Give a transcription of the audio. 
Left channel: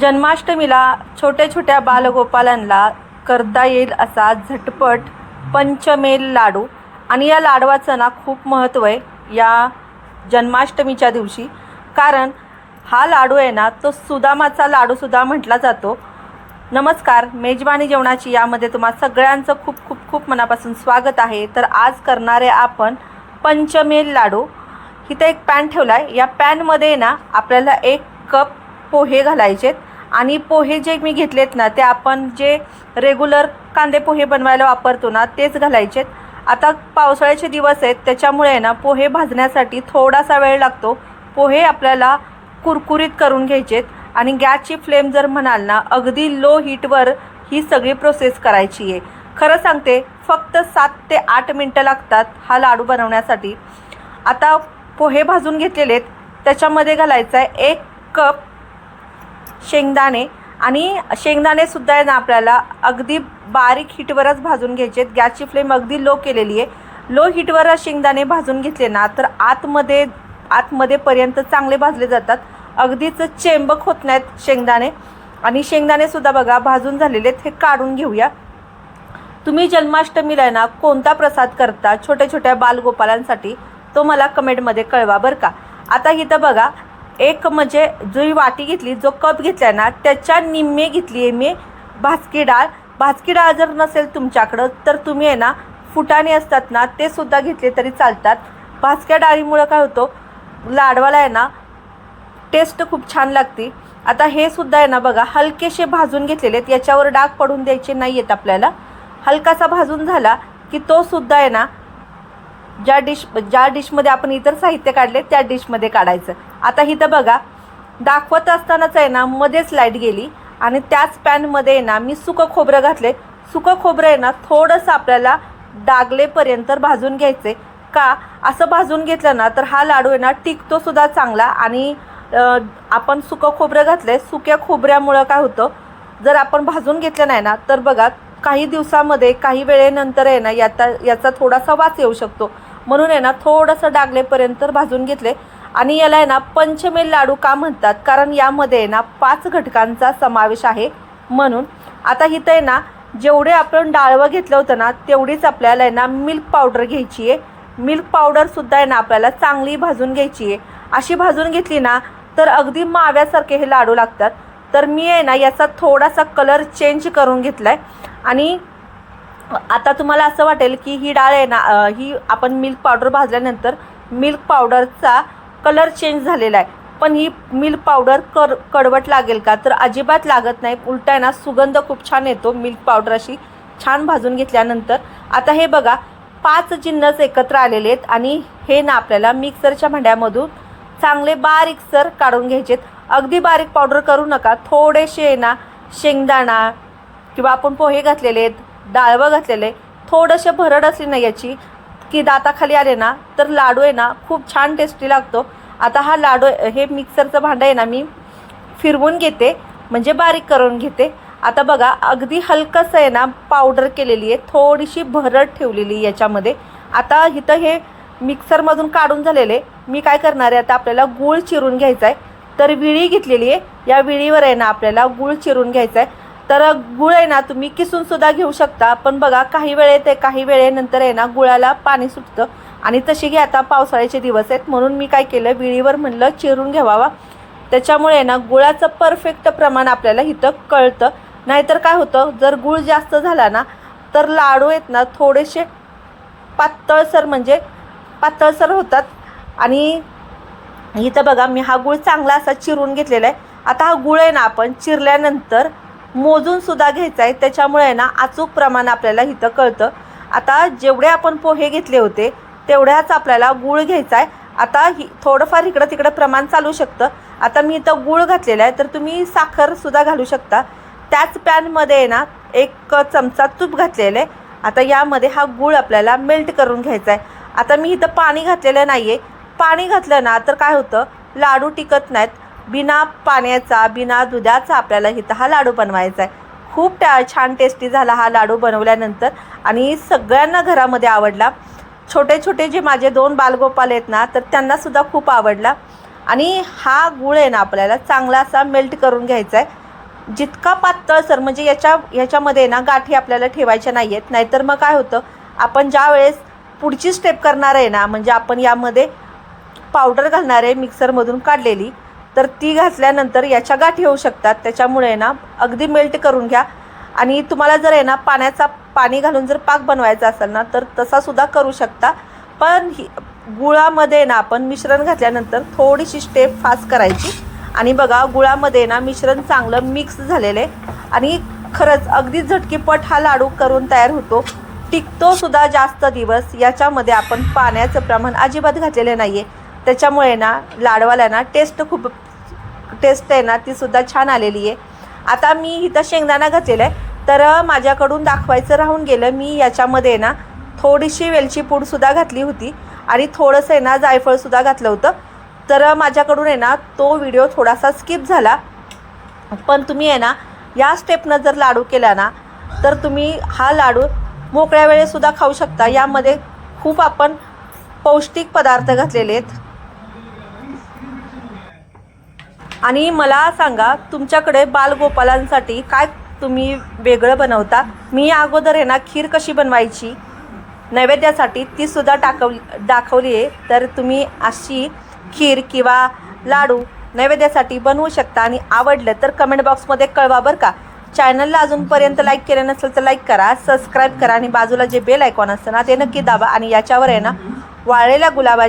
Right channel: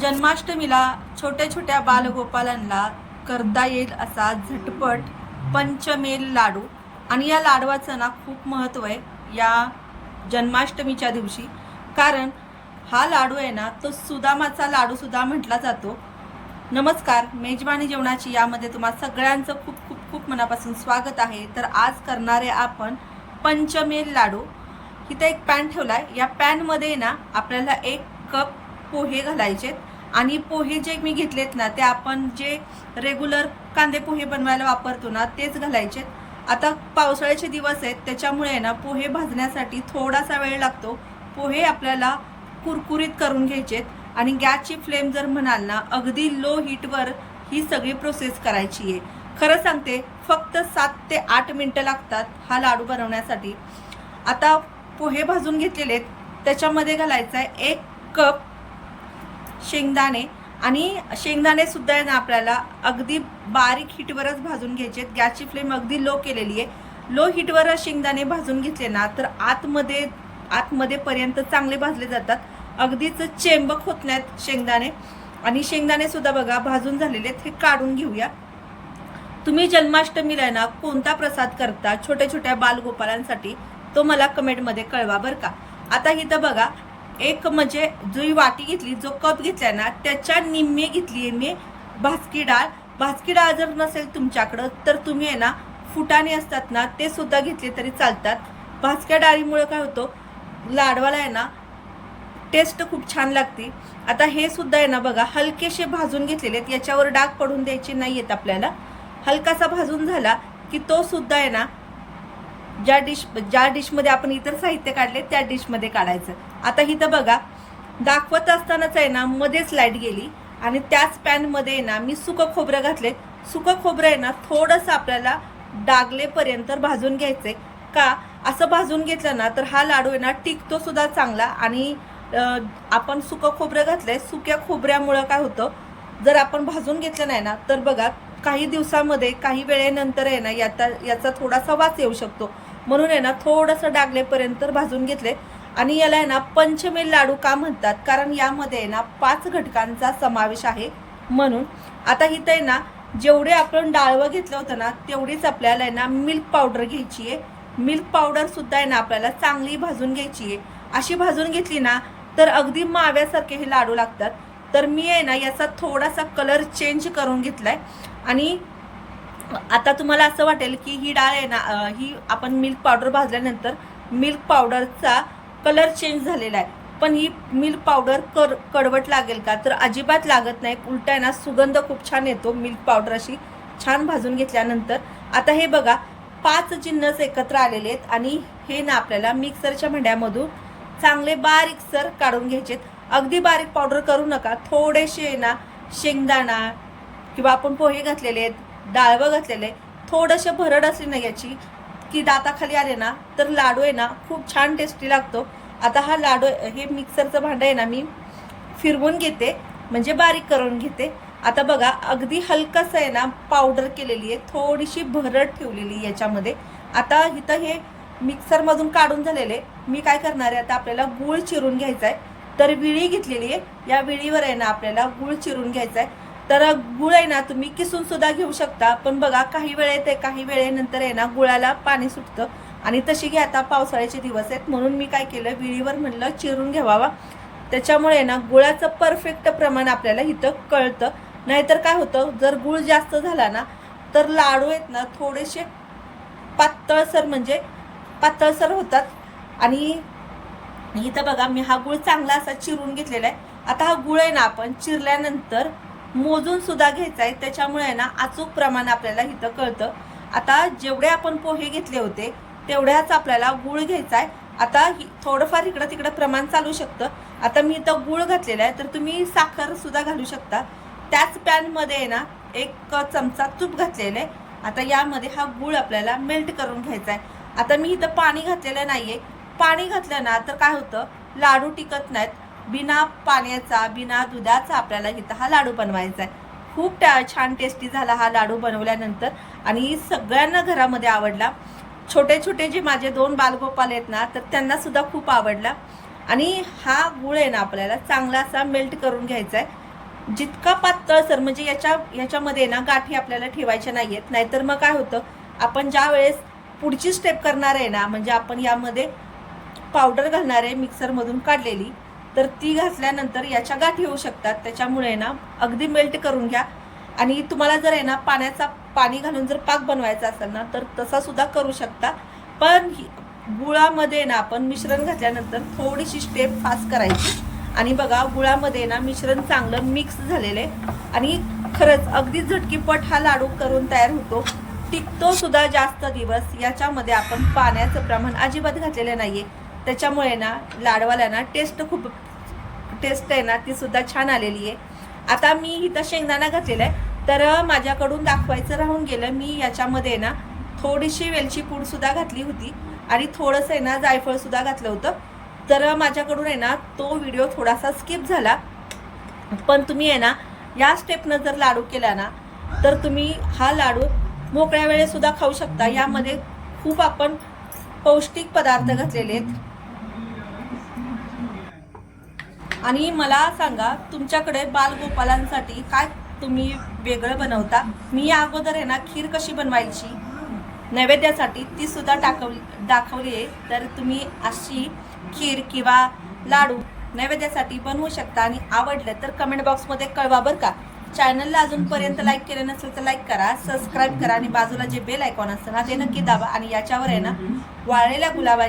जन्माष्टमीला छोट्या छोट्या बालगोपालांना करता येईल असा झटपट पंचमेल लाडू. आणि या लाडवाचं ना खूप महत्त्व आहे या जन्माष्टमीच्या दिवशी. कारण हा लाडू आहे ना तो सुदामाचा लाडूसुद्धा म्हटला जातो. नमस्कार मेजबानी जेवणाची यामध्ये तुम्हा सगळ्यांचं खूप खूप खूप मनापासून स्वागत आहे. तर आज करणारे आपण पंचमेल लाडू. इथं एक पॅन ठेवला आहे या पॅनमध्ये ना आपल्याला एक कप पोहे घालायचेत. आणि पोहे जे मी घेतलेत ना ते आपण जे रेग्युलर कांदे पोहे बनवायला वापरतो ना तेच घालायचेत आता पावसाळ्याचे दिवस आहेत त्याच्यामुळे आहे ना पोहे भाजण्यासाठी थोडासा वेळ लागतो. पोहे आपल्याला कुरकुरीत करून घ्यायचेत आणि गॅसची फ्लेम जर म्हणाल ना अगदी लो हीटवर ही सगळी प्रोसेस करायची आहे. खरं सांगते फक्त सात ते आठ मिनटं लागतात हा लाडू बनवण्यासाठी. आता पोहे भाजून घेतलेले आहेत. त्याच्यामध्ये घालायचा आहे एक कप शेंगदाणे आणि शेंगदाणेसुद्धा आहे ना आपल्याला. अगदी बारीक हिटवरच भाजून घ्यायचे आहेत. गॅसची फ्लेम अगदी लो केलेली आहे. लो हिटवर शेंगदाणे भाजून घेतले ना तर आतमध्ये आतमध्ये पर्यंत चांगले भाजले जातात. अगदीच चेंबक होत नाहीत शेंगदाणे. आणि शेंगदाणेसुद्धा बघा भाजून झालेले आहेत. हे काढून घेऊया. तुम्ही जन्माष्टमीला आहे ना कोणता प्रसाद करता? छोट्या छोट्या बालगोपालांसाठी तो मला कमेंटमध्ये कळवा बरं का? आता इथं बघा एक म्हणजे जो ही वाटी घेतली जो कप घेतला ना त्याच्या निम्मे घेतली आहे मी भाजकी डाळ. भाजकी डाळ जर नसेल तुमच्याकडं तर तुम्ही आहे ना फुटाणे असतात ना ते सुद्धा घेतले तरी चालतात. भाजक्या डाळीमुळं काय होतं लाडवाला आहे ना टेस्ट खूप छान लागते. आता हे सुद्धा आहे ना बघा हलकेसे भाजून घेतलेले आहेत. याच्यावर डाग पडून द्यायचे नाही आहेत आपल्याला. हलकासा भाजून झाला की तो सुद्धा आहे ना ज्या डिश ज्या डिशमध्ये आपण इतर साहित्य काढले त्या डिशमध्ये काढायचं. आता इथं बघा दाखवत असतानाच आहे ना मध्येच लाइट गेली आणि त्याच पॅनमध्ये आहे ना मी सुकं खोबरं घातले सुकं खोबरं आहे ना थोडंसं आपल्याला डागलेपर्यंत भाजून घ्यायचे का? असं भाजून घेतलं ना तर हा लाडू आहे ना टिकतो सुद्धा चांगला आणि आपण सुकं खोबरं घातलंय. सुक्या खोबऱ्यामुळं काय होतं जर आपण भाजून घेतलं नाही ना तर बघा काही दिवसामध्ये काही वेळेनंतर आहे ना याचा याचा थोडासा वास येऊ शकतो. म्हणून आहे ना थोडंसं डागलेपर्यंत भाजून घेतले. आणि याला आहे ना पंचमेल लाडू का म्हणतात? कारण यामध्ये आहे ना पाच घटकांचा समावेश आहे. म्हणून आता इथं आहे ना जेवढे आपण डाळवं घेतलं होतं ना तेवढीच आपल्याला आहे ना मिल्क पावडर घ्यायची आहे. मिल्क पावडर सुद्धा आहे ना आपल्याला चांगली भाजून घ्यायची आहे. अशी भाजून घेतली ना तर अगदी माव्यासारखे हे लाडू लागतात. तर मी आहे ना याचा थोडासा कलर चेंज करून घेतलाय. आणि आता तुम्हाला असं वाटेल की ही डाळ आहे ना ही आपण मिल्क पावडर भाजल्यानंतर मिल्क पावडरचा कलर चेंज झालेला आहे. पण ही मिल्क पावडर कर कडवट लागेल का? तर अजिबात लागत नाही. उलटा आहे ना सुगंध खूप छान येतो मिल्क पावडर अशी. छान भाजून घेतल्यानंतर. आता हे बघा पाच जिन्नस एकत्र आलेले आहेत आणि हे ना आपल्याला मिक्सरच्या भांड्यामधून चांगले बारीकसर काढून घ्यायचेत अगदी बारीक पावडर करू नका. थोडेसे ना शेंगदाणा किंवा आपण पोहे घातलेले आहेत. डाळवं घातलेले थोडंसे भरड असली ना याची की दाताखाली आले ना तर लाडू आहे ना खूप छान टेस्टी लागतो. आता हा लाडू हे मिक्सरचं भांडं आहे ना मी फिरवून घेते म्हणजे बारीक करून घेते. आता बघा अगदी हलकंसं आहे ना पावडर केलेली आहे थोडीशी भरड ठेवलेली आहे याच्यामध्ये. आता इथं हे मिक्सरमधून काढून झालेले मी काय करणार आहे आता आपल्याला गूळ चिरून घ्यायचा आहे तर विळी घेतलेली आहे या विळीवर आहे ना आपल्याला गूळ चिरून घ्यायचा आहे तर गुळ आहे ना तुम्ही किसून सुद्धा घेऊ शकता. पण बघा काही वेळेत काही वेळेनंतर आहे ना गुळाला पाणी सुटतं. आणि तशी घ्या आता पावसाळ्याचे दिवस आहेत. म्हणून मी काय केलं विळीवर म्हणलं चिरून घ्यावा त्याच्यामुळे आहे ना गुळाचं परफेक्ट प्रमाण आपल्याला इथं कळतं. नाहीतर काय होतं जर गुळ जास्त झाला ना तर लाडू आहेत ना थोडेसे पातळसर म्हणजे पातळसर होतात. आणि इथं बघा मी हा गुळ चांगला असा चिरून घेतलेला आहे. आता हा गुळ आहे ना आपण चिरल्यानंतर मोजून सुद्धा घ्यायचा आहे त्याच्यामुळे आहे ना अचूक प्रमाण आपल्याला इथं कळतं. आता जेवढे आपण पोहे घेतले होते तेवढ्याच आपल्याला गुळ घ्यायचा आहे आता ही थोडंफार इकडं तिकडं प्रमाण चालू शकतं. आता मी इथं गुळ घातलेला आहे तर तुम्ही साखर सुद्धा घालू शकता. त्याच पॅनमध्ये आहे ना एक चमचा तूप घातलेलं आहे आता यामध्ये हा गुळ आपल्याला मेल्ट करून घ्यायचा आहे आता मी इथं पाणी घातलेलं नाही आहे पाणी घातलं ना तर काय होतं? लाडू टिकत नाहीत. बिना पाण्याचा बिना दुधाचा आपल्याला इथं हा लाडू बनवायचा आहे. खूप त्या छान टेस्टी झाला हा लाडू बनवल्यानंतर आणि सगळ्यांना घरामध्ये आवडला. छोटे छोटे जे माझे दोन बालगोपाल आहेत ना तर त्यांनासुद्धा खूप आवडला. आणि हा गुळ आहे ना आपल्याला चांगला असा मेल्ट करून घ्यायचा आहे. जितका पातळसर म्हणजे याच्या याच्यामध्ये ना गाठी आपल्याला ठेवायच्या नाही आहेत नाहीतर मग काय होतं आपण ज्या वेळेस पुढची स्टेप करणार आहे ना म्हणजे आपण यामध्ये पावडर घालणार आहे मिक्सरमधून काढलेली तर ती घातल्यानंतर याच्या गाठी होऊ शकतात. त्याच्यामुळे ना अगदी मेल्ट करून घ्या. आणि तुम्हाला जर आहे ना पाण्याचा पाणी घालून जर पाक बनवायचा असेल ना तर तसा सुद्धा करू शकता. पण ही गुळामध्ये ना आपण मिश्रण घातल्यानंतर थोडीशी स्टेप फास्ट करायची. आणि बघा गुळामध्ये ना मिश्रण चांगलं मिक्स झालेलं आहे. आणि खरंच अगदी झटकीपट हा लाडू करून तयार होतो. टिकतो सुद्धा जास्त दिवस. याच्यामध्ये आपण पाण्याचं प्रमाण अजिबात घातलेलं नाही आहे त्याच्यामुळे ना लाडवाला ना टेस्ट खूप टेस्ट आहे ना ती सुद्धा छान आलेली आहे. आता मी इथं शेंगदाणा घातलेला आहे. तर माझ्याकडून दाखवायचं राहून गेलं मी याच्यामध्ये ना थोडीशी वेलची पूडसुद्धा घातली होती. आणि थोडंसं आहे ना जायफळसुद्धा घातलं होतं. तर माझ्याकडून आहे ना तो व्हिडिओ थोडासा स्किप झाला. पण तुम्ही आहे ना या स्टेपनं जर लाडू केला ना तर तुम्ही हा लाडू मोकळ्या वेळेसुद्धा खाऊ शकता. यामध्ये खूप आपण पौष्टिक पदार्थ घातलेले आहेत. आणि मला सांगा तुमच्याकडे बालगोपालांसाठी काय तुम्ही वेगळं बनवता? मी अगोदर आहे ना खीर कशी बनवायची? नैवेद्यासाठी ती सुद्धा टाकवली दाखवली आहे. तर तुम्ही अशी खीर किंवा लाडू नैवेद्यासाठी बनवू शकता. आणि आवडलं तर कमेंट बॉक्समध्ये कळवा बरं का. चॅनलला अजूनपर्यंत लाईक केलं नसेल तर लाईक करा सबस्क्राईब करा. आणि बाजूला जे बेल आयकॉन असतं ना ते नक्की दाबा. आणि याच्यावर आहे ना वाळलेल्या गुलाबा